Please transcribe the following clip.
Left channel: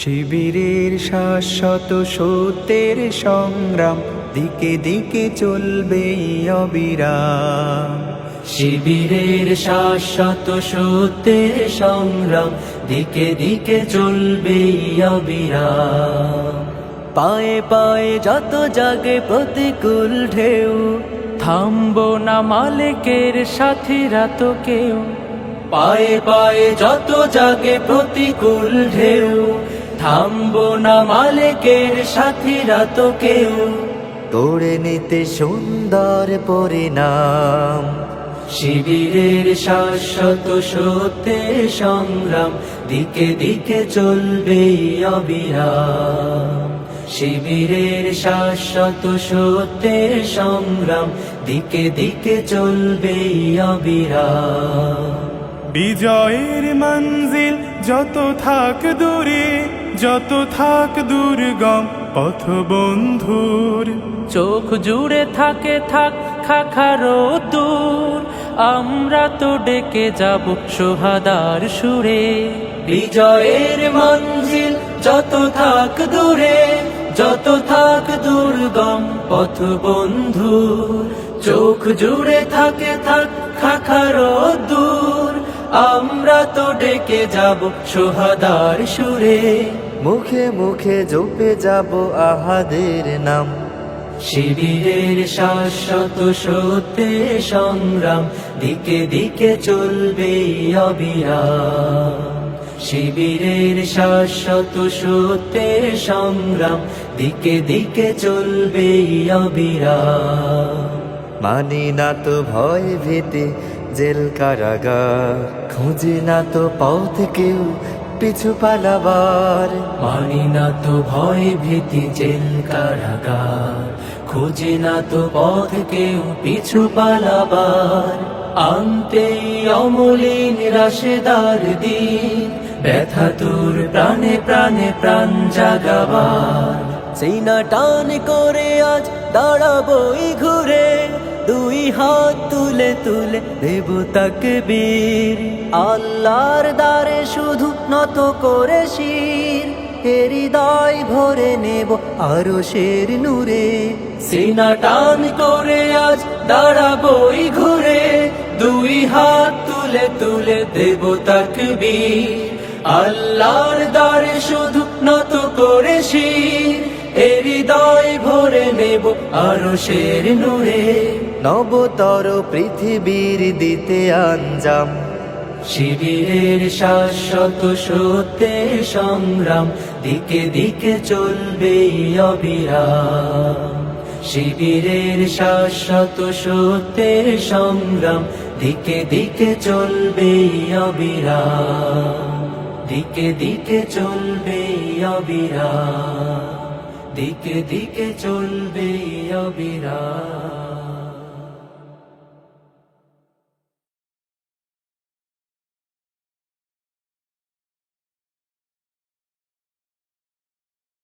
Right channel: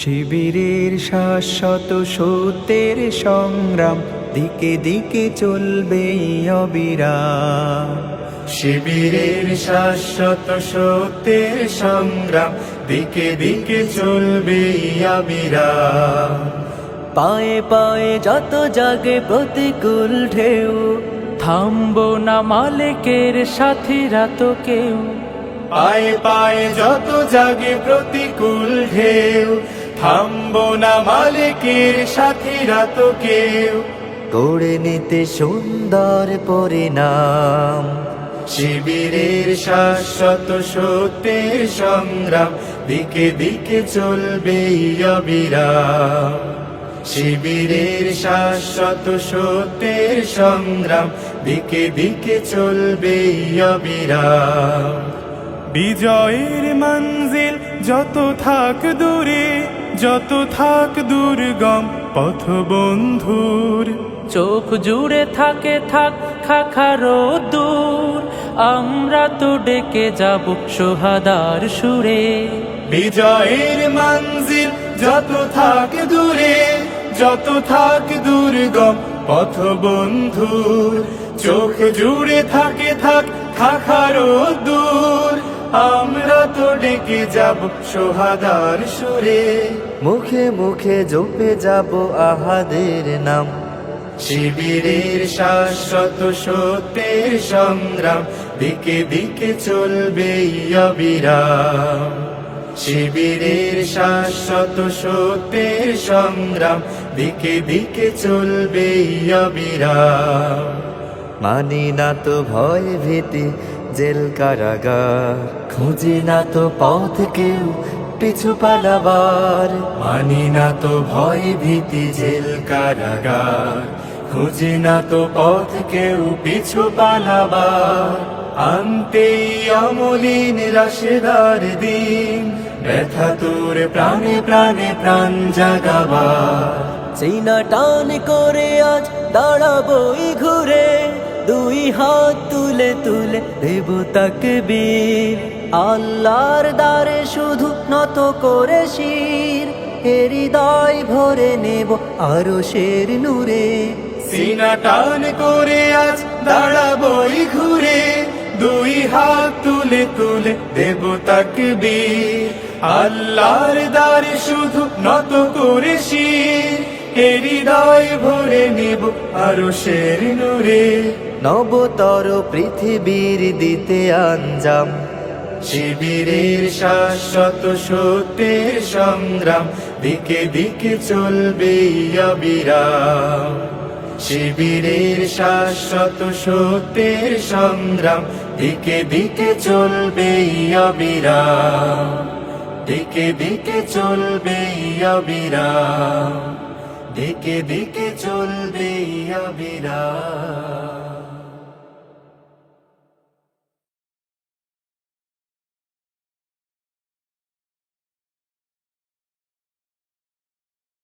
শিবিরের শাশ্বত সত্যের সংগ্রাম দিকে দিকে চলবে অবিরাম। শিবিরের শাশ্বত সত্যের সংগ্রাম দিকে দিকে চলবে অবিরাম। পায়ে পায়ে যত জাগে প্রতিকূল ঢেউ, থামবো না মালিকের সাথীরা তো কেউ। পায়ে পায়ে যত জাগে প্রতিকূল ঢেউ, থামবো না মালিকের সাথীরা তো কেউ। গড়ে নিতে সুন্দর পরিণাম। শিবিরের শাশ্বত সত্যের সংগ্রাম দিকে দিকে চলবে অবিরাম। শিবিরের শাশ্বত সত্যের সংগ্রাম দিকে দিকে চলবে অবিরাম। বিজয়ের মঞ্জিল যত থাক দূরে, যত থাক দুর্গম পথ বন্ধুর, চোখ জুড়ে থাকে থাক খাখারো দূর, আমরা তো ডেকে যাব সোহাদার সুরে। বিজয়ের মঞ্জিল যত থাক দূরে, যত থাক দুর্গম পথ বন্ধু, চোখ জুড়ে থাকে থাক খাখারো দূর, আমরা তো ডেকে যাব সোহাদার সুরে। মুখে মুখে জপে যাব আহাদের নাম। শিবিরের শাশ্বত সত্যের সংগ্রাম দিকে দিকে চলবে অবিরাম। শিবিরের শাশ্বত সত্যের সংগ্রাম দিকে দিকে চলবে অবিরাম। মানি না তো ভয় ভীতি জেল কারাগার, খুঁজি না তো পথ কেউ পিছু পালাবার। মানি না তো ভয় ভীতি জেল কারাগার, খুঁজি না তো পথ কেউ পিছু পালাবার। আনতেই অমলিন রাশেদার দিন, ব্যথা তোর প্রাণে প্রাণে প্রাণ জাগাবার। সিনা টান করে আজ দাঁড়াবই ঘুরে, দুই হাত তুলে তুলে দেব তাকবীর। আল্লাহর দ্বারে শুধু নত করে শির, হৃদয় ভরে নেব আরশের নূরে। সিনা টান করে আজ দাঁড়াবই ঘুরে, দুই হাত তুলে তুলে দেব তাকবীর। আল্লাহর দ্বারে শুধু নত করে শির, হৃদয় ভরে নেব আরশের নূরে। নবতর পৃথিবীর দিতে আঞ্জাম। শিবিরের শাশ্বত সত্যের সংগ্রাম দিকে দিকে চলবে অবিরাম। শিবিরের শাশ্বত সত্যের সংগ্রাম দিকে দিকে চলবে অবিরাম। দিকে দিকে চলবে অবিরাম। দিকে দিকে চলবে অবিরাম।